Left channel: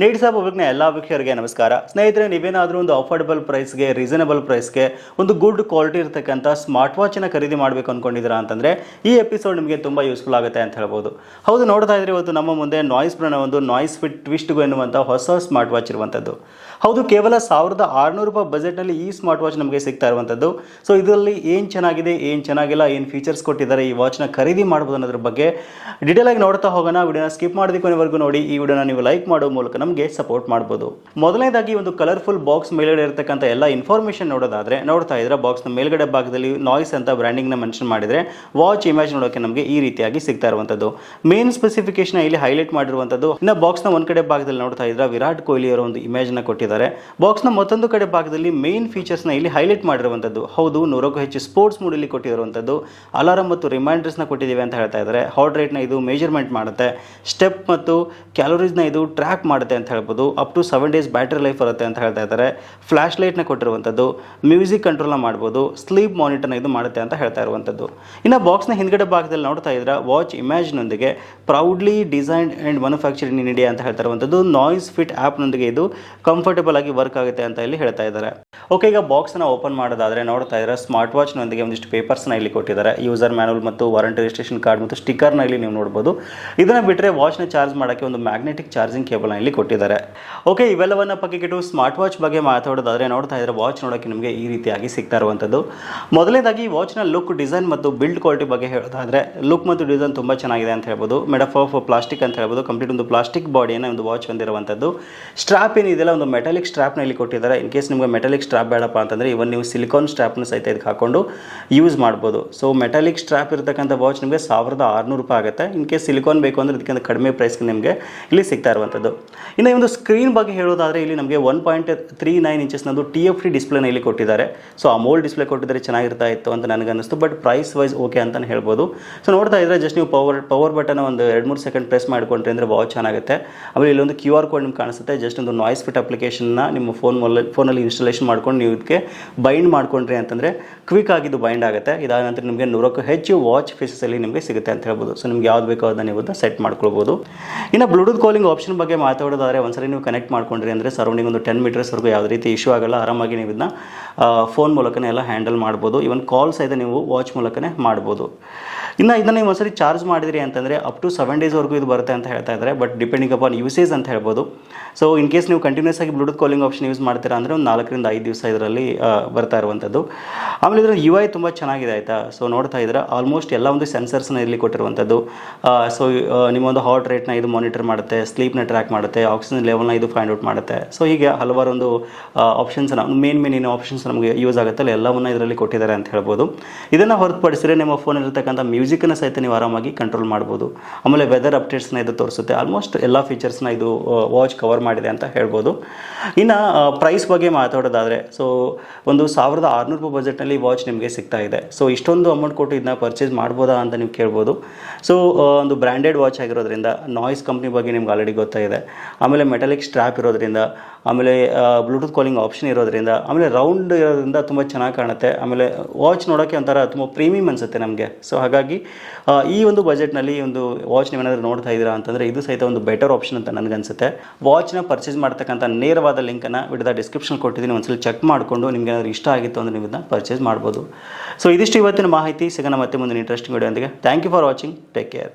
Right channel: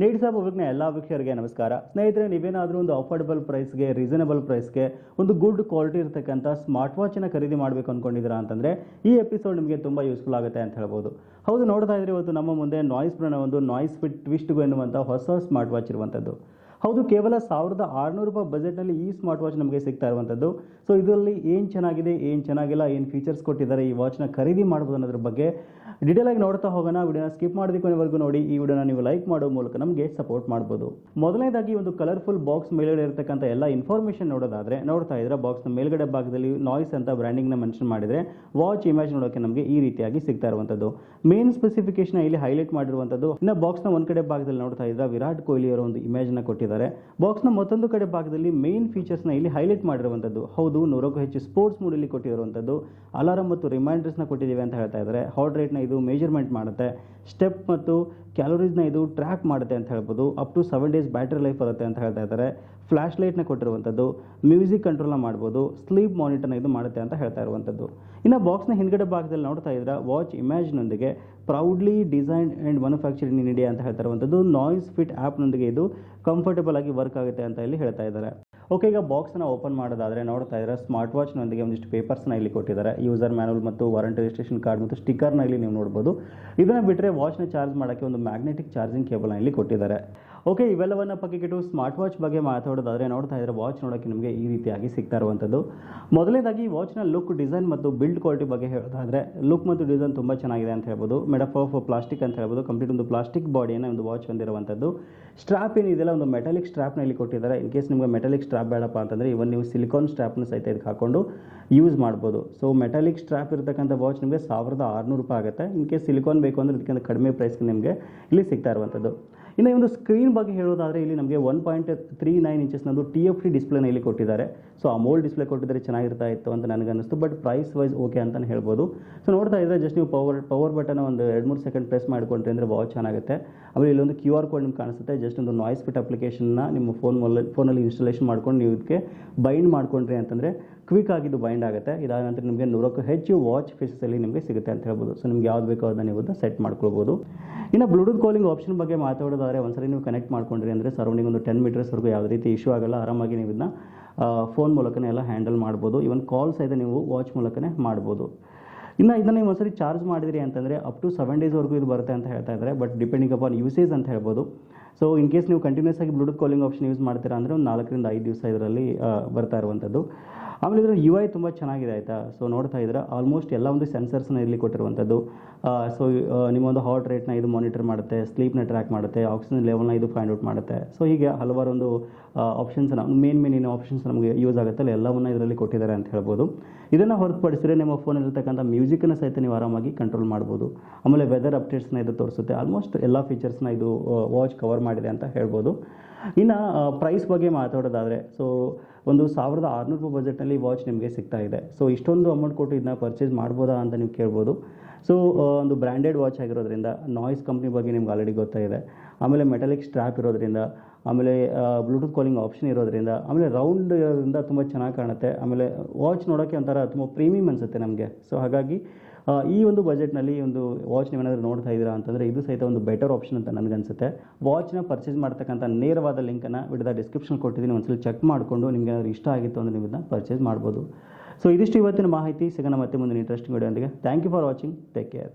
ನೇಡ್ ಪಬ್ಲಿಕ್ನ ಎಲ್ಲ ವೀಕ್ಷಕರಿಗೆ ನಮಸ್ಕಾರ. ಸ್ನೇಹಿತರೆ, ನೀವೇನಾದರೂ ಒಂದು ಅಫೋರ್ಡಬಲ್ ಪ್ರೈಸ್ಗೆ, ರೀಸನಬಲ್ ಪ್ರೈಸ್ಗೆ ಒಂದು ಗುಡ್ ಕ್ವಾಲಿಟಿ ಇರತಕ್ಕಂಥ ಸ್ಮಾರ್ಟ್ ವಾಚನ್ನು ಖರೀದಿ ಮಾಡಬೇಕು ಅಂದ್ಕೊಂಡಿದ್ದೀರಾ ಅಂತಂದರೆ ಈ ಎಪಿಸೋಡ್ ನಿಮಗೆ ತುಂಬ ಯೂಸ್ಫುಲ್ ಆಗುತ್ತೆ ಅಂತ ಹೇಳ್ಬೋದು. ಹೌದು, ನೋಡ್ತಾ ಇದ್ರೆ ಇವತ್ತು ನಮ್ಮ ಮುಂದೆ ನಾಯ್ಸ್ ಬ್ರನ್ನ ಒಂದು ನಾಯ್ಸ್ ಫಿಟ್ ಟ್ವಿಸ್ಟ್ಗು ಎನ್ನುವಂಥ ಹೊಸ ಸ್ಮಾರ್ಟ್ ವಾಚ್ ಇರುವಂಥದ್ದು. ಹೌದು, ಕೇವಲ ಸಾವಿರದ ಆರುನೂರು ರೂಪಾಯಿ ಬಜೆಟ್ನಲ್ಲಿ ಈ ಸ್ಮಾರ್ಟ್ ವಾಚ್ ನಮಗೆ ಸಿಗ್ತಾ ಇರುವಂಥದ್ದು. ಸೊ, ಇದರಲ್ಲಿ ಏನು ಚೆನ್ನಾಗಿದೆ, ಏನು ಚೆನ್ನಾಗಿಲ್ಲ, ಏನು ಫೀಚರ್ಸ್ ಕೊಟ್ಟಿದ್ದಾರೆ, ಈ ವಾಚ್ನ ಖರೀದಿ ಮಾಡ್ಬೋದು ಅನ್ನೋದ್ರ ಬಗ್ಗೆ ಡೀಟೇಲ್ ಆಗಿ ನೋಡ್ತಾ ಹೋಗೋಣ. ವಿಡಿಯೋನ ಸ್ಕಿಪ್ ಮಾಡಿದ ಕೊನೆವರೆಗೂ ನೋಡಿ. ಈ ವಿಡಿಯೋನ ನೀವು ಲೈಕ್ ಮಾಡೋ ಮೂಲಕ ನಮಗೆ ಸಪೋರ್ಟ್ ಮಾಡ್ಬೋದು. ಮೊದಲನೇದಾಗಿ ಒಂದು ಕಲರ್ಫುಲ್ ಬಾಕ್ಸ್ ಮೇಲ್ಗಡೆ ಇರತಕ್ಕಂಥ ಎಲ್ಲ ಇನ್ಫಾರ್ಮೇಷನ್ ನೋಡೋದಾದ್ರೆ, ನೋಡ್ತಾ ಇದ್ರೆ ಬಾಕ್ಸ್ನ ಮೇಲ್ಗಡೆ ಭಾಗದಲ್ಲಿ ನಾಯ್ಸ್ ಅಂತ ಬ್ರ್ಯಾಂಡಿಂಗ್ನ ಮೆನ್ಷನ್ ಮಾಡಿದರೆ ವಾಚ್ ಇಮೇಜ್ ನೋಡೋಕೆ ನಮಗೆ ಈ ರೀತಿಯಾಗಿ ಸಿಗ್ತಾ ಇರುವಂಥದ್ದು. ಮೇನ್ ಸ್ಪೆಸಿಫಿಕೇಶನ್ ಇಲ್ಲಿ ಹೈಲೈಟ್ ಮಾಡಿರುವಂಥದ್ದು, ಇನ್ನು ಬಾಕ್ಸ್ನ ಒಂದು ಕಡೆ ಭಾಗದಲ್ಲಿ ನೋಡ್ತಾ ಇದ್ರೆ ವಿರಾಟ್ ಕೊಹ್ಲಿ ಅವರ ಒಂದು ಇಮೇಜ್ನ ಕೊಟ್ಟಿದ್ದಾರೆ. ಬಾಕ್ಸ್ನ ಮತ್ತೊಂದು ಕಡೆ ಭಾಗದಲ್ಲಿ ಮೇನ್ ಫೀಚರ್ಸ್ನ ಇಲ್ಲಿ ಹೈಲೈಟ್ ಮಾಡಿರುವಂಥದ್ದು. ಹೌದು, ನೂರಕ್ಕೂ ಹೆಚ್ಚು ಸ್ಪೋರ್ಟ್ಸ್ ಮೂಡಲ್ಲಿ ಕೊಟ್ಟಿರುವಂಥದ್ದು. ಅಲಾರಂ ಮತ್ತು ರಿಮೈಂಡರ್ಸ್ನ ಕೊಟ್ಟಿದ್ದೀವಿ ಅಂತ ಹೇಳ್ತಾ ಇದ್ದಾರೆ. ಹಾರ್ಟ್ ರೇಟ್ನ ಇದು ಮೇಜರ್ಮೆಂಟ್ ಮಾಡುತ್ತೆ. ಸ್ಟೆಪ್ ಮತ್ತು ಕ್ಯಾಲೋರೀಸ್ನ ಇದು ಟ್ರ್ಯಾಕ್ ಮಾಡುತ್ತೆ. ಅಂತ ಹೇಳ್ಬೋದು. Up to seven days battery life ಬರುತ್ತೆ ಅಂತ ಹೇಳ್ತಾ ಇದ್ದಾರೆ. ಫ್ಲ್ಯಾಶ್ ಲೈಟ್ನ ಕೊಟ್ಟಿರುವಂಥದ್ದು ಮ್ಯೂಸಿಕ್ ಕಂಟ್ರೋಲ್ನ ಮಾಡ್ಬೋದು ಸ್ಲೀಪ್ ಮಾನಿಟರ್ನ ಇದು ಮಾಡುತ್ತೆ ಅಂತ ಹೇಳ್ತಾ ಇರುವಂಥದ್ದು. ಇನ್ನು ಬಾಕ್ಸ್ನ ಹಿಂದ್ಗಡೆ ಭಾಗದಲ್ಲಿ ನೋಡ್ತಾ ಇದ್ರೆ watch ಇಮೇಜ್ನೊಂದಿಗೆ proudly designed and manufacturing in India ಅಂತ ಹೇಳ್ತಾ ಇರುವಂಥದ್ದು. ನಾಯ್ಸ್ ಫಿಟ್ ಆ್ಯಪ್ನೊಂದಿಗೆ ಇದು ಕಂಫರ್ಟಬಲ್ ಆಗಿ ವರ್ಕ್ ಆಗುತ್ತೆ ಅಂತ ಇಲ್ಲಿ ಹೇಳ್ತಾ ಇದ್ದಾರೆ. ಓಕೆ ಈಗ ಬಾಕ್ಸ್ನ ಓಪನ್ ಮಾಡೋದಾದರೆ ನೋಡ್ತಾ ಇದ್ದಾರೆ ಸ್ಮಾರ್ಟ್ ವಾಚ್ನೊಂದಿಗೆ ಒಂದಿಷ್ಟು ಪೇಪರ್ಸ್ನ ಇಲ್ಲಿ ಕೊಟ್ಟಿದ್ದಾರೆ. ಯೂಸರ್ ಮ್ಯಾನುವಲ್ ಮತ್ತು ವಾರಂಟಿ ರಿಜಿಸ್ಟ್ರೇಷನ್ ಕಾರ್ಡ್ ಮತ್ತು ಸ್ಟಿಕ್ಕರ್ನ ಇಲ್ಲಿ ನೀವು ನೋಡ್ಬೋದು. ಇದನ್ನು ಬಿಟ್ಟರೆ ವಾಚ್ನ ಚಾರ್ಜ್ ಮಾಡೋಕ್ಕೆ ಒಂದು ಮ್ಯಾಗ್ನೆಟಿಕ್ ಚಾರ್ಜಿಂಗ್ ಕೇಬಲ್ನ ಇಲ್ಲಿ ಕೊಟ್ಟಿದ್ದಾರೆ. ಓಕೆ ಇವೆಲ್ಲವನ್ನ ಪಕ್ಕಿಟ್ಟು ಸ್ಮಾರ್ಟ್ ವಾಚ್ ಬಗ್ಗೆ ಮಾತಾಡೋದಾದರೆ ನೋಡ್ತಾ ಇದ್ದರೆ ವಾಚ್ ನೋಡೋಕ್ಕೆ ನಿಮಗೆ ಈ ರೀತಿಯಾಗಿ ಸಿಗ್ತಾ ಇರುವಂಥದ್ದು. ಮೊದಲನೇದಾಗಿ ವಾಚ್ನ ಲುಕ್ ಡಿಸೈನ್ ಮತ್ತು ಬಿಲ್ಡ್ ಕ್ವಾಲಿಟಿ ಬಗ್ಗೆ ಹೇಳೋದಾದರೆ ಲುಕ್ ಮತ್ತು ಡಿಸೈನ್ ತುಂಬ ಚೆನ್ನಾಗಿದೆ ಅಂತ ಹೇಳ್ಬೋದು. ಮೇಡಫ್ ಆಫ್ ಪ್ಲಾಸ್ಟಿಕ್ ಅಂತ ಹೇಳ್ಬೋದು. ಕಂಪ್ಲೀಟ್ ಒಂದು ಪ್ಲಾಸ್ಟಿಕ್ ಬಾಡಿಯನ್ನು ಒಂದು ವಾಚ್ ಹೊಂದಿರುವಂಥದ್ದು. ಸ್ಟ್ರಾಪ್ ಏನಿದೆಯಲ್ಲ ಒಂದು ಮೆಟಾಲಿಕ್ ಸ್ಟ್ರಾಪ್ನ ಇಲ್ಲಿ ಕೊಟ್ಟಿದ್ದಾರೆ. ಇನ್ ಕೇಸ್ ನಿಮಗೆ ಮೆಟಾಲಿಕ್ ಸ್ಟ್ರಾಪ್ ಬೇಡಪ್ಪ ಅಂತಂದರೆ ಇವನ್ ನೀವು ಸಿಲಿಕಾನ್ ಸ್ಟ್ರಾಪ್ನ ಸಹಿತ ಇದಕ್ಕೆ ಹಾಕೊಂಡು ಯೂಸ್ ಮಾಡ್ಬೋದು. ಸೊ ಮೆಟಾಲಿಕ್ ಸ್ಟ್ರಾಪ್ ಇರತಕ್ಕಂಥ ವಾಚ್ ನಿಮಗೆ ಸಾವಿರದ ಆರುನೂರು ರೂಪಾಯಿ ಆಗುತ್ತೆ. ಇನ್ ಕೇಸ್ ಸಿಲಿಕಾನ್ ಬೇಕು ಅಂದರೆ ಇದಕ್ಕಿಂತ ಕಡಿಮೆ ಪ್ರೈಸ್ಗೆ ನಿಮಗೆ ಇಲ್ಲಿ ಸಿಗ್ತಾ ಇರುವಂಥದ್ದು. ಇನ್ನು ಈ ಒಂದು ಸ್ಕ್ರೀನ್ ಬಗ್ಗೆ ಹೇಳೋದಾದರೆ ಇಲ್ಲಿ ನಮಗೆ ಒನ್ ಪಾಯಿಂಟ್ ತ್ರೀ ನೈನ್ ಇಂಚಸ್ನದು ಟಿ ಎಫ್ ಡಿ ಡಿಸ್ಪ್ಲೇನ ಇಲ್ಲಿ ಕೊಟ್ಟಿದ್ದಾರೆ. ಸೊ ಅಮೋಲ್ ಡಿಸ್ಪ್ಲೇ ಕೊಟ್ಟಿದ್ದಾರೆ ಚೆನ್ನಾಗಿರ್ತಾ ಇತ್ತು ಅಂತ ನನಗೆ ಅನ್ನಿಸ್ತು ಬಟ್ ಪ್ರೈಸ್ ವೈಸ್ ಓಕೆ ಅಂತಲೇ ಹೇಳ್ಬೋದು. ಸೊ ನೋಡ್ತಾ ಇದ್ರೆ ಜಸ್ಟ್ ನೀವು ಪವರ್ ಪವರ್ ಬಟನ್ ಒಂದು ಎರಡು ಮೂರು ಸೆಕೆಂಡ್ ಪ್ರೆಸ್ ಮಾಡಿಕೊಂಡ್ರೆ ಅಂದರೆ ವಾಚ್ ಚೆನ್ನಾಗುತ್ತೆ. ಆಮೇಲೆ ಇಲ್ಲೊಂದು ಕ್ಯೂ ಆರ್ ಕೋಡ್ ನಿಮ್ಗೆ ಕಾಣಿಸುತ್ತೆ. ಜಸ್ಟ್ ಒಂದು ನಾಯ್ಸ್ ಫಿಟ್ ಅಪ್ಲಿಕೇಶನ್ನ ನಿಮ್ಮ ಫೋನ್ ಮೊಲ್ಲ ಫೋನಲ್ಲಿ ಇನ್ಸ್ಟಾಲೇಷನ್ ಮಾಡ್ಕೊಂಡು ನೀವು ಇದಕ್ಕೆ ಬೈಂಡ್ ಮಾಡ್ಕೊಂಡ್ರಿ ಅಂತಂದರೆ ಕ್ವಿಕ್ ಆಗಿದ್ದು ಬೈಂಡ್ ಆಗುತ್ತೆ. ಇದಾದ ನಂತರ ನಿಮಗೆ ನೂರಕ್ಕೂ ಹೆಚ್ಚು ವಾಚ್ ಫೇಸಸಲ್ಲಿ ನಿಮಗೆ ಸಿಗುತ್ತೆ ಅಂತ ಹೇಳ್ಬೋದು. ಸೊ ನಿಮ್ಗೆ ಯಾವ್ದು ಬೇಕೋ ಅದನ್ನ ನೀವು ಸೆಟ್ ಮಾಡ್ಕೊಳ್ಬೋದು. ಇನ್ನು ಬ್ಲೂಟೂತ್ ಕಾಲಿಂಗ್ ಆಪ್ಷನ್ ಬಗ್ಗೆ ಮಾತಾಡೋದಾದರೆ ಒಂದ್ಸರಿ ನೀವು ಕನೆಕ್ಟ್ ಮಾಡ್ಕೊಂಡ್ರಿ ಅಂದರೆ ಸರೌಂಡಿಂಗ್ ಒಂದು ಟೆನ್ ಮೀಟರ್ಸ್ವರೆಗೂ ಯಾವುದೇ ರೀತಿ ಇಶ್ಯೂ ಆಗಲ್ಲ, ಆರಾಮಾಗಿ ನೀವು ಇದನ್ನ ಫೋನ್ ಮೂಲಕನೇ ಎಲ್ಲ ಹ್ಯಾಂಡಲ್ ಮಾಡ್ಬೋದು. ಈವನ್ ಕಾಲ್ ಸಹಿತ ನೀವು ವಾಚ್ ಮೂಲಕನೇ ಮಾಡ್ಬೋದು. ಇನ್ನು ಇದನ್ನು ನೀವು ಒಂದ್ಸರಿ ಚಾರ್ಜ್ ಮಾಡಿದ್ರಿ ಅಂತಂದರೆ ಅಪ್ ಟು ಸೆವೆನ್ ಡೇಸ್ವರೆಗೂ ಇದು ಬರುತ್ತೆ ಅಂತ ಹೇಳ್ತಾ ಇದ್ದಾರೆ ಬಟ್ ಡಿಪೆಂಡಿಂಗ್ ಅಪಾನ್ ಯೂಸೇಜ್ ಅಂತ ಹೇಳ್ಬೋದು. ಸೊ ಇನ್ ಕೇಸ್ ನೀವು ಕಂಟಿನ್ಯೂಸ್ ಆಗಿ ಬ್ಲೂಟೂತ್ ಕಾಲಿಂಗ್ ಆಪ್ಷನ್ ಯೂಸ್ ಮಾಡ್ತೀರಾ ಅಂದರೆ ಒಂದು ನಾಲ್ಕರಿಂದ ಐದು ದಿವಸ ಇದರಲ್ಲಿ ಬರ್ತಾ ಇರುವಂಥದ್ದು ಆಮೇಲೆ ಇದರ ಯು ಐ ತುಂಬ ಚೆನ್ನಾಗಿದೆ ಆಯಿತಾ? ಸೊ ನೋಡ್ತಾ ಇದ್ರೆ ಆಲ್ಮೋಸ್ಟ್ ಎಲ್ಲ ಒಂದು ಸೆನ್ಸರ್ಸ್ನ ಇರಲಿ ಕೊಟ್ಟಿರುವಂಥದ್ದು ಸೊ ನಿಮ್ಮ ಒಂದು ಹಾರ್ಟ್ ರೇಟ್ನ ಇದು ಮಾನಿಟರ್ ಮಾಡುತ್ತೆ ಸ್ಲೀಪ್ನ ಟ್ರ್ಯಾಕ್ ಮಾಡುತ್ತೆ ಆಕ್ಸಿಜನ್ ಲೆವೆಲ್ನ ಇದು ಫೈಂಡ್ ಔಟ್ ಮಾಡುತ್ತೆ. ಸೊ ಹೀಗೆ ಹಲವಾರು ಒಂದು ಆಪ್ಷನ್ಸ್ನ ಮೇನ್ ಮೇನ್ ಏನು ಆಪ್ಷನ್ಸ್ ನಮಗೆ ಯೂಸ್ ಆಗುತ್ತಲ್ಲ ಎಲ್ಲವನ್ನು ಇದರಲ್ಲಿ ಕೊಟ್ಟಿದ್ದಾರೆ ಅಂತ ಹೇಳ್ಬೋದು. ಇದನ್ನು ಹೊರತುಪಡಿಸಿದ್ರೆ ನಿಮ್ಮ ಫೋನಲ್ಲಿರ್ತಕ್ಕಂಥ ಮ್ಯೂಸಿಕನ್ನು ಸಹಿತ ನೀವು ಆರಾಮಾಗಿ ಕಂಟ್ರೋಲ್ ಮಾಡ್ಬೋದು. ಆಮೇಲೆ ವೆದರ್ ಅಪ್ಡೇಟ್ಸ್ನ ಇದು ತೋರಿಸುತ್ತೆ. ಆಲ್ಮೋಸ್ಟ್ ಎಲ್ಲ ಫೀಚರ್ಸ್ನ ಇದು ವಾಚ್ ಕವರ್ ಮಾಡಿದೆ ಅಂತ ಹೇಳ್ಬೋದು. ಇನ್ನು ಪ್ರೈಸ್ ಬಗ್ಗೆ ಮಾತಾಡೋದಾದರೆ ಸೊ ಒಂದು ಸಾವಿರದ ಆರುನೂರು ರೂಪಾಯಿ ಬಜೆಟ್ನಲ್ಲಿ ವಾಚ್ ನಿಮಗೆ ಸಿಗ್ತಾ ಇದೆ. ಸೊ ಇಷ್ಟೊಂದು ಅಮೌಂಟ್ ಕೊಟ್ಟು ಇದನ್ನ ಪರ್ಚೇಸ್ ಮಾಡ್ಬೋದಾ ಅಂತ ನೀವು ಕೇಳ್ಬೋದು. ಸೊ ಒಂದು ಬ್ರ್ಯಾಂಡೆಡ್ ವಾಚ್ ಆಗಿರೋದ್ರಿಂದ ನಾಯ್ಸ್ ಕಂಪ್ನಿ ಬಗ್ಗೆ ನಿಮ್ಗೆ ಆಲ್ರೆಡಿ ಗೊತ್ತಾಗಿದೆ. ಆಮೇಲೆ ಮೆಟಾಲಿಕ್ ಸ್ಟ್ರಾಪ್ ಇರೋದ್ರಿಂದ, ಆಮೇಲೆ ಬ್ಲೂಟೂತ್ ಕಾಲಿಂಗ್ ಆಪ್ಷನ್ ಇರೋದ್ರಿಂದ, ಆಮೇಲೆ ರೌಂಡ್ ಇರೋದ್ರಿಂದ ತುಂಬ ಚೆನ್ನಾಗಿ ಕಾಣುತ್ತೆ. ಆಮೇಲೆ ವಾಚ್ ನೋಡೋಕ್ಕೆ ಒಂಥರ ತುಂಬ ಪ್ರೀಮಿಯಂ ಅನಿಸುತ್ತೆ ನಮಗೆ. ಸೊ ಹಾಗಾಗಿ ಈ ಒಂದು ಬಜೆಟ್ನಲ್ಲಿ ಒಂದು ವಾಚ್ ನೀವೇನಾದರೂ ನೋಡ್ತಾ ಇದ್ದೀರಾ ಅಂತಂದರೆ ಇದು ಸಹಿತ ಒಂದು ಬೆಟರ್ ಆಪ್ಷನ್ ಅಂತ ನನಗನ್ಸುತ್ತೆ ವಾಚ್ನ ಪರ್ಚೇಸ್ ಮಾಡ್ತಕ್ಕಂಥ ನೇರವಾದ ಲಿಂಕನ್ನು ವಿಡಿಯೋದ ಡಿಸ್ಕ್ರಿಪ್ಷನ್ ಕೊಟ್ಟಿದ್ದೀನಿ. ಒಂದ್ಸಲ ಚೆಕ್ ಮಾಡಿಕೊಂಡು ನಿಮ್ಗೆ ಏನಾದರೂ ಇಷ್ಟ ಆಗಿತ್ತು ಅಂದರೆ ನೀವು ಇದನ್ನ ಪರ್ಚೇಸ್ ಮಾಡ್ಬೋದು. ಸೊ ಇದಿಷ್ಟು ಇವತ್ತಿನ ಮಾಹಿತಿ. ಸಿಗೋಣ ಮತ್ತೆ ಮುಂದಿನ interesting video thank you for watching take care